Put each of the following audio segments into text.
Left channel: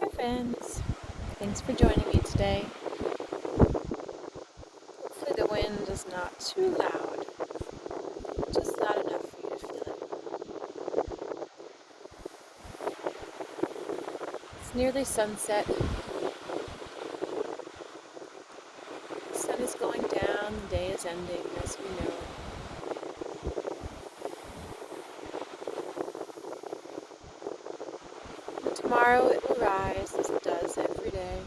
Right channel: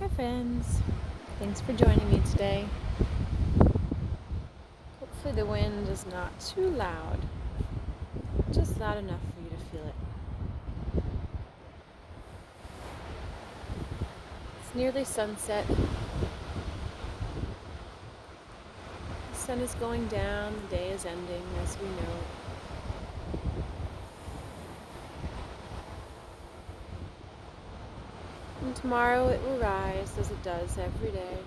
Hi friends, thanks for joining me today. Hopefully the wind is not too loud, just loud enough for you to feel it. It's nearly sunset. The sun is going down, the day is ending as we know it. And tomorrow it will rise as it does every day.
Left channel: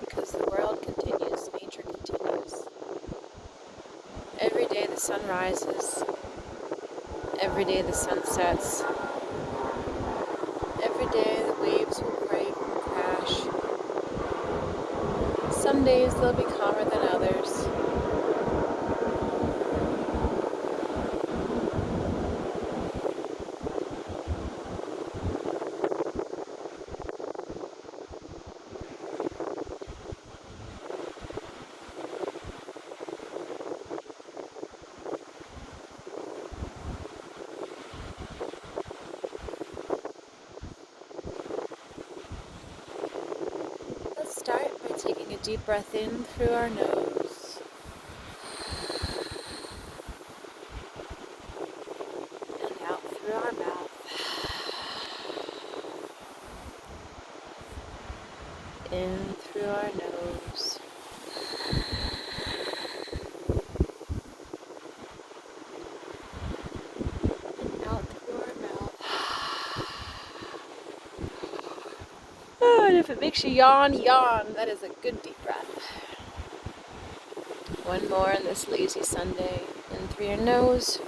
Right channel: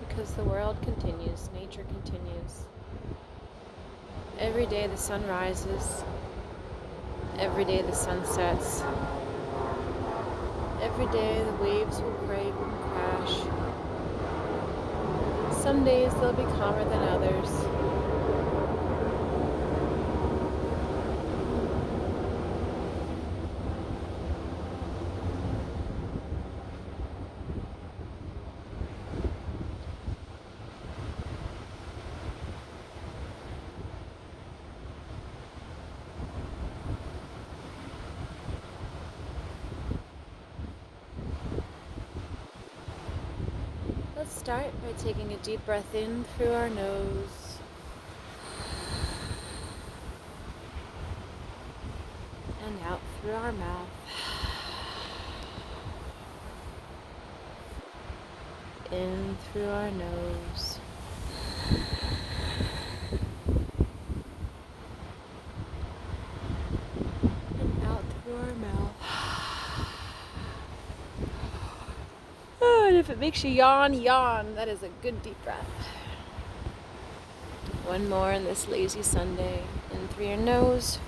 Because the world continues, nature continues. Every day the sun rises, every day the sun sets, every day the waves will break and crash. Some days they'll be calmer than others. Let's start by taking a deep breath in through our nose and out through our mouth. In through our nose and out through our mouth. Oh, and if it makes you yawn, yawn. That is a good deep breath. One more on this lazy Sunday. In through your nose.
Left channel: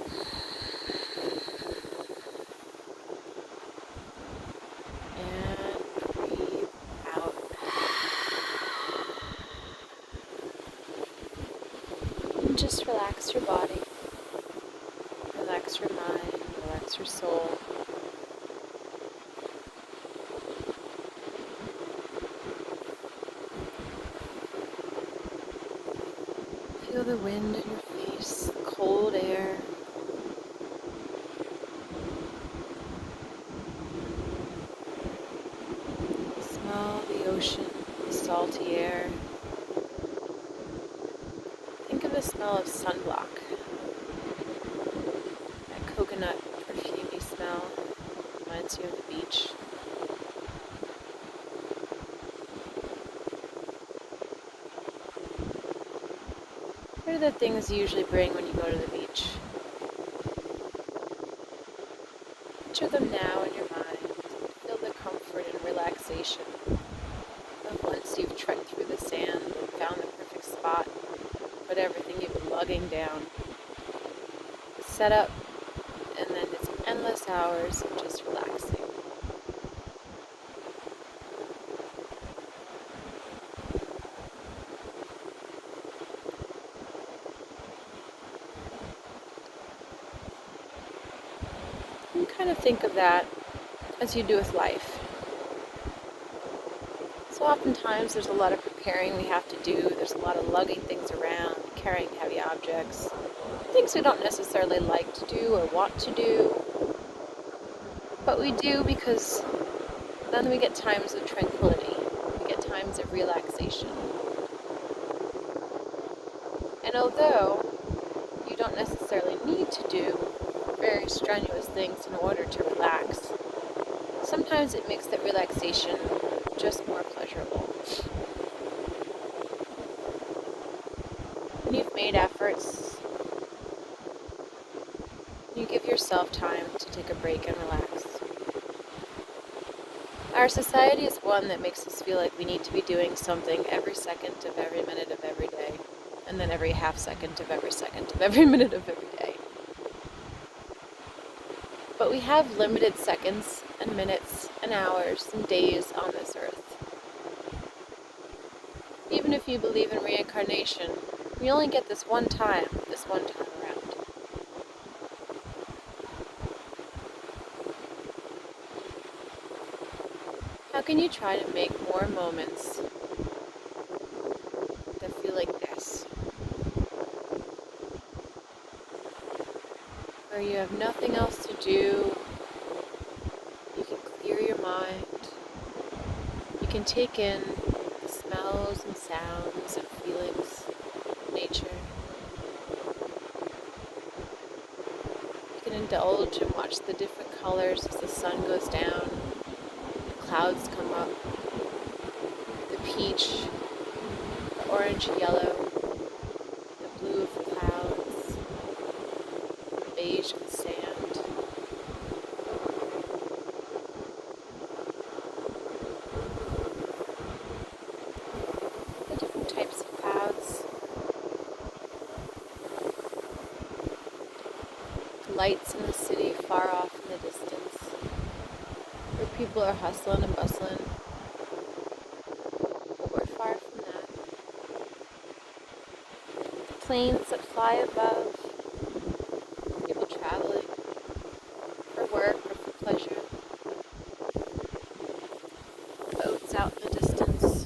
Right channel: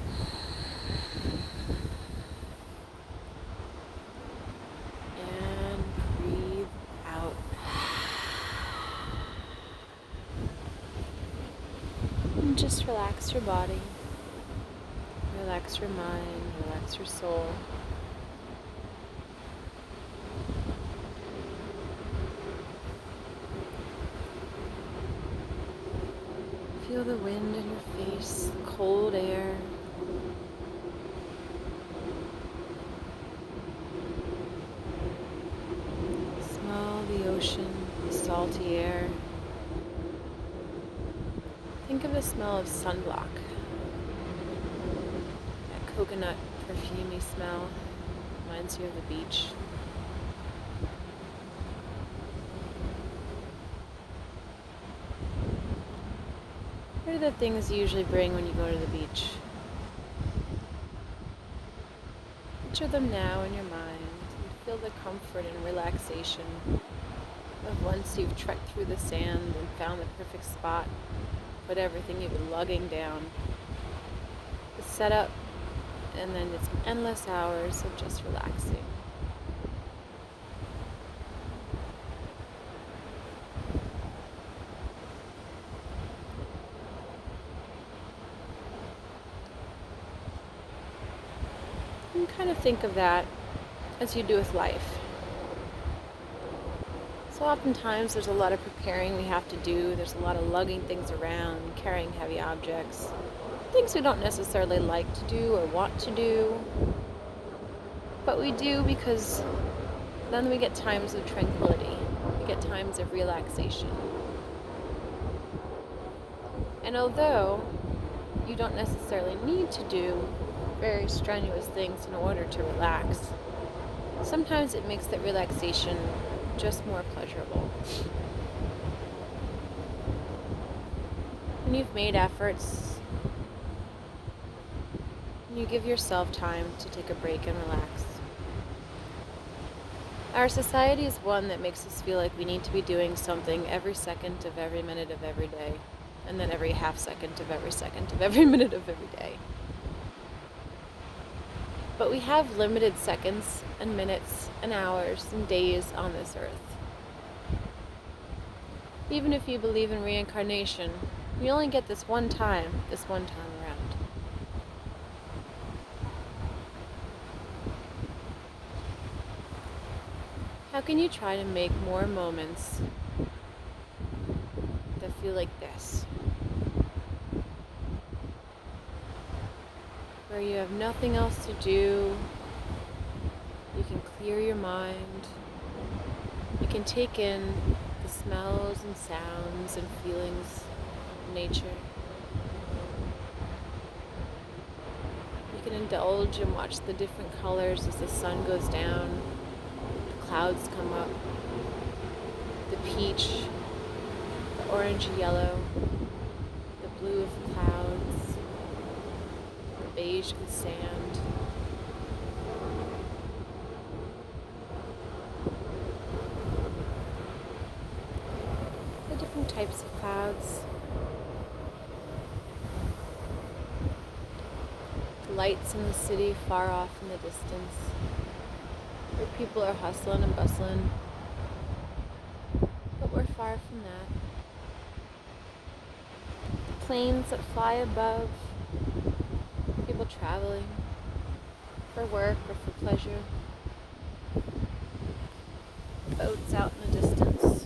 And breathe out. And just relax your body. Relax your mind. Relax your soul. Feel the wind in your face, the cold air. Smell the ocean, the salty air. Think of the smell of sunblock. That coconut perfumey smell reminds you of the beach. What are the things you usually bring when you go to the beach? Picture them now in your mind. Feel the comfort and relaxation of once you've trekked through the sand and found the perfect spot, put everything you've been lugging down, set up, and then it's endless hours of just relaxing. And kind of think of that as you do with life. So oftentimes there's a lot of preparing we have to do. There's a lot of lugging things around, carrying heavy objects, things we don't necessarily like to do or want to do. But we do because then we get times of tranquility. We get times of relaxation. And although you don't necessarily need to do very strenuous things in order to relax, sometimes it makes that relaxation just more pleasurable. When you've made efforts, you give yourself time to take a break and relax. Our society is one that makes us feel like we need to be doing something every second of every minute of every day, and then every half second of every minute of every day. But we have limited seconds and minutes and hours and days on this earth. Even if you believe in reincarnation, we only get this one time around. How can you try to make more moments that feel like this? Where you have nothing else to do, you can clear your mind, you can take in the smells and sounds and feelings of nature. You can indulge and watch the different colors as the sun goes down, the clouds come up, the peach, the orange yellow, the blue of the clouds, the beige of the sand. The different types of clouds. The lights in the city far off in the distance, where people are hustling and bustling. But we're far from that. Planes that fly above, people traveling for work or for pleasure. Boats out in the distance.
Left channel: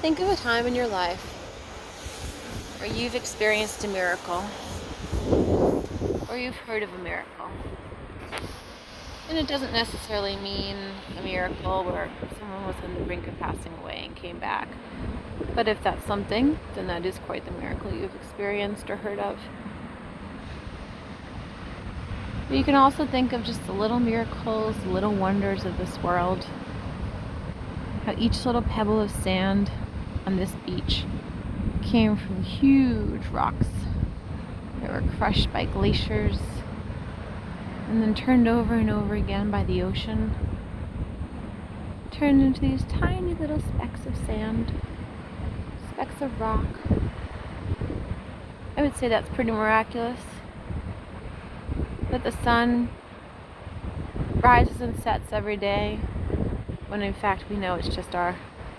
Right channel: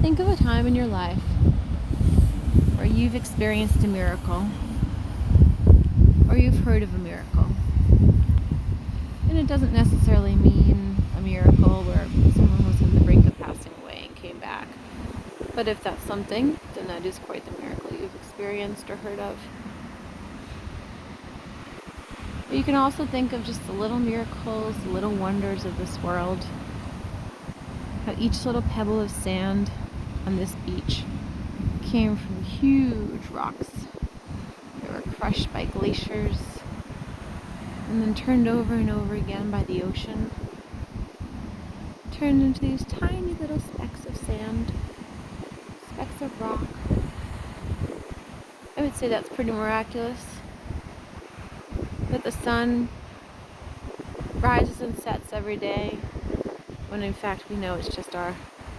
Think of a time in your life where you've experienced a miracle, or you've heard of a miracle. And it doesn't necessarily mean a miracle where someone was on the brink of passing away and came back. But if that's something, then that is quite the miracle you've experienced or heard of. But you can also think of just the little miracles, the little wonders of this world. How each little pebble of sand on this beach came from huge rocks that were crushed by glaciers and then turned over and over again by the ocean, turned into these tiny little specks of sand, specks of rock. I would say that's pretty miraculous, that the sun rises and sets every day, when in fact we know it's just our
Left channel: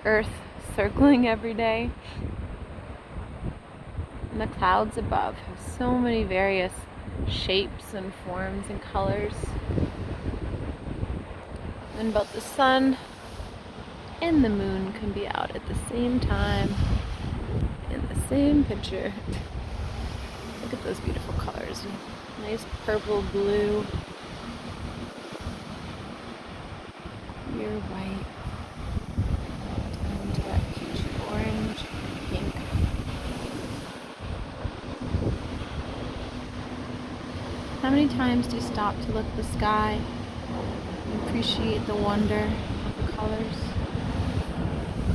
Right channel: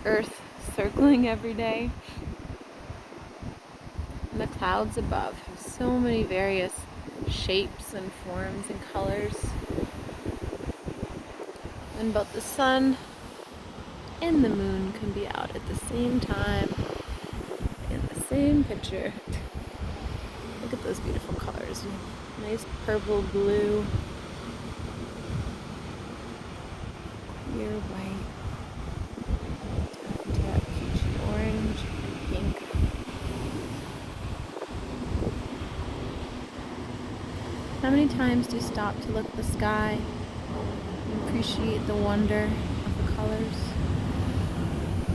earth circling every day. And the clouds above have so many various shapes and forms and colors. And both the sun and the moon can be out at the same time in the same picture. Look at those beautiful colors. Nice purple, blue, clear white, down to that peachy orange and pink. How many times do you stop to look at the sky and appreciate the wonder of the colors?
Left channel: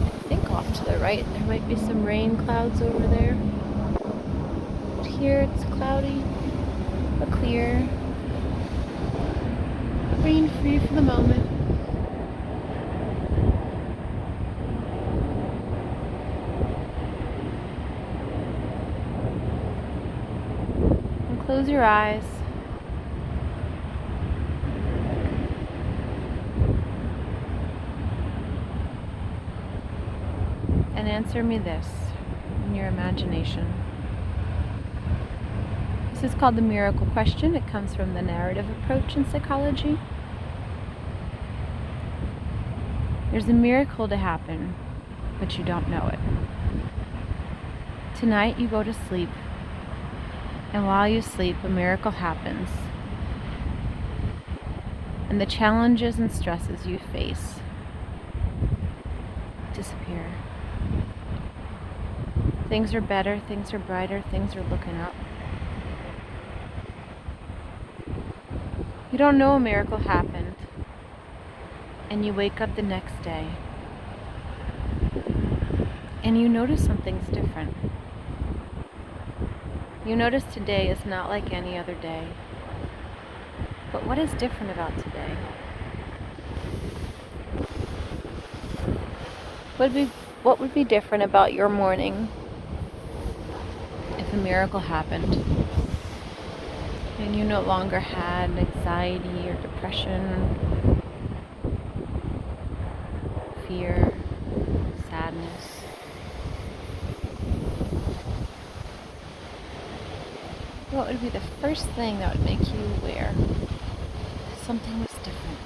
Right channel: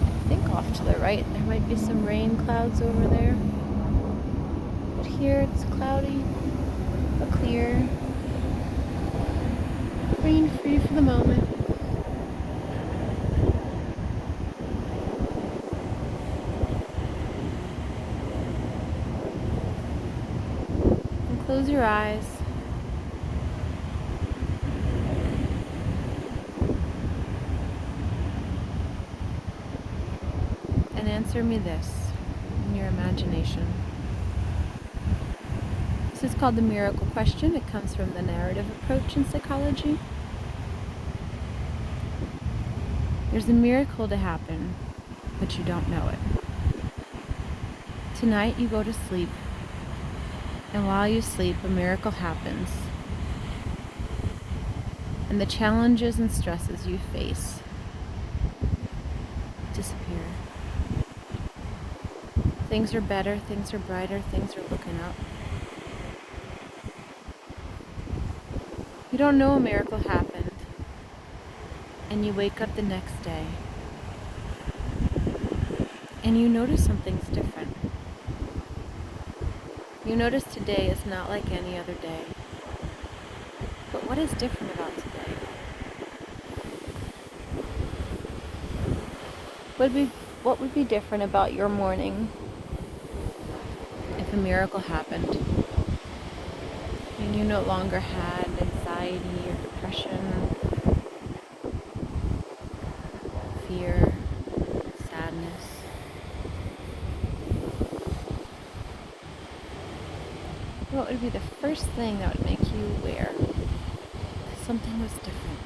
I think off to the right there might be some rain clouds over there. But here it's cloudy but clear. Rain free for the moment. And close your eyes. And answer me this in your imagination. This is called the miracle question. It comes from the narrative approach in psychology. There's a miracle to happen, but you don't know it. Tonight you go to sleep, and while you sleep, a miracle happens. And the challenges and stresses you face disappear. Things are better, things are brighter, things are looking up. You don't know a miracle happened, and you wake up the next day, and you notice something's different. You notice today is not like any other day. But what is different about today? What would be different about your morning if a miracle happened and you no longer had anxiety or depression fear, sadness. What would be the first thing that would make you aware that something was different?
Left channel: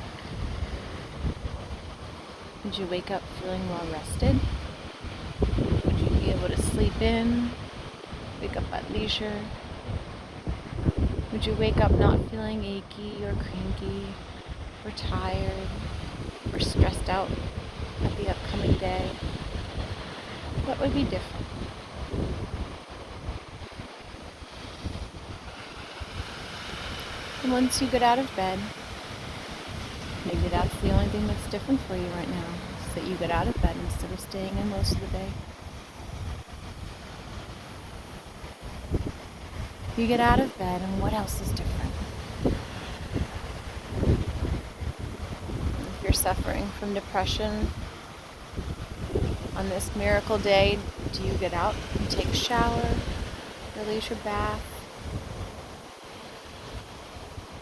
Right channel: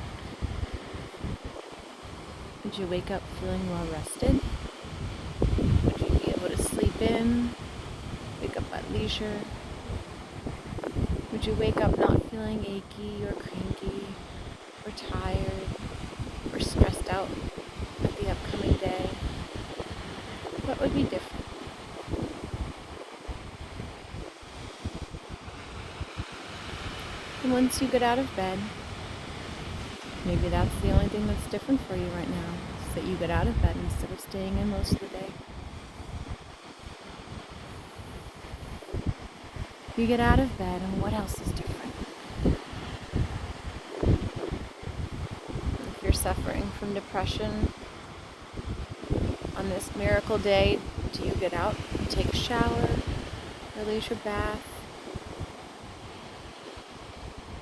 Would you wake up feeling well rested? Would you be able to sleep in, wake up at leisure? Would you wake up not feeling achy or cranky or tired or stressed out at the upcoming day? What would be different? And once you get out of bed, maybe that's the only thing that's different for you right now, is that you get out of bed instead of staying in most of the day. You get out of bed, and what else is different? If you're suffering from depression, on this miracle day, do you get out and take a shower, release your bath?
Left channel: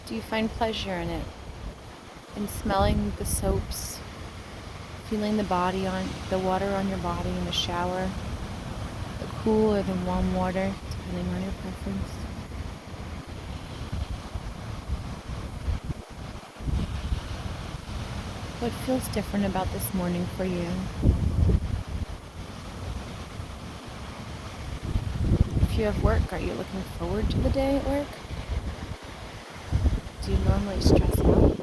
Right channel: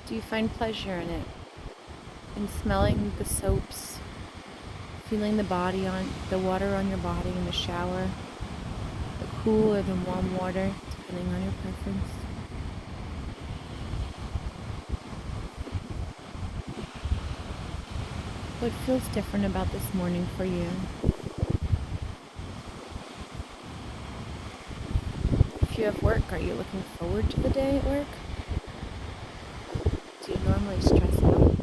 Do you find pleasure in it? In smelling the soaps, feeling the water on your body in the shower, the cool or the warm water, depending on your preference? What feels different about this morning for you? If you have work, are you looking forward to the day at work? Do you normally stress out?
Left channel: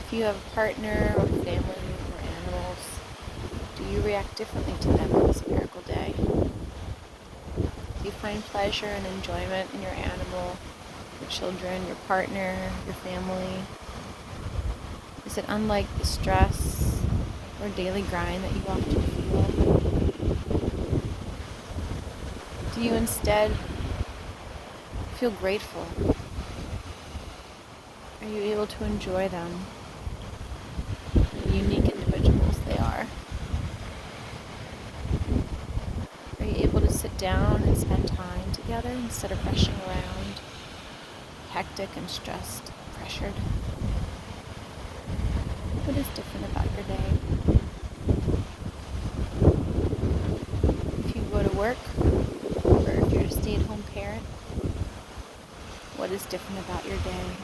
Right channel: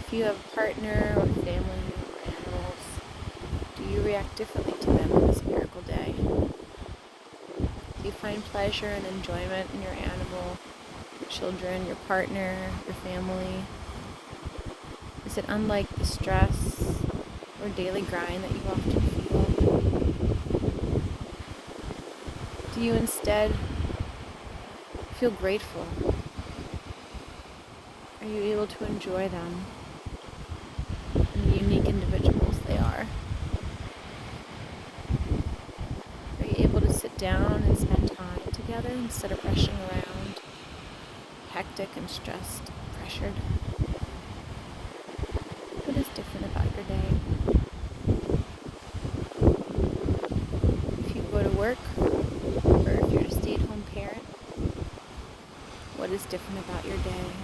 If you have a partner or family or animals, do you react differently to them on this miracle day? Do you find pleasure and enjoyment in your animal, your children, your partner, your family? Is it unlike the stress or daily grind that you often feel? Do you instead feel grateful? Are you able to enjoy them and the unique individuals they are? Are you able to sit down and spend time together instead of rushing around, hectic and stressed, pressured? What is different about your day? If you go to work, or if you're a stay-at-home parent, what is different about your day?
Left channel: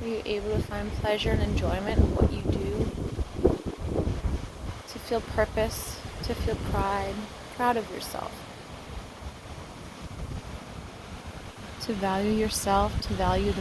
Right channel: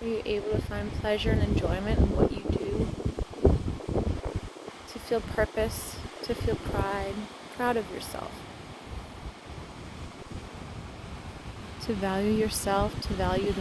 Are you able to find pleasure and enjoyment in what you do? To feel purpose, to feel proud of yourself. To value yourself, to value the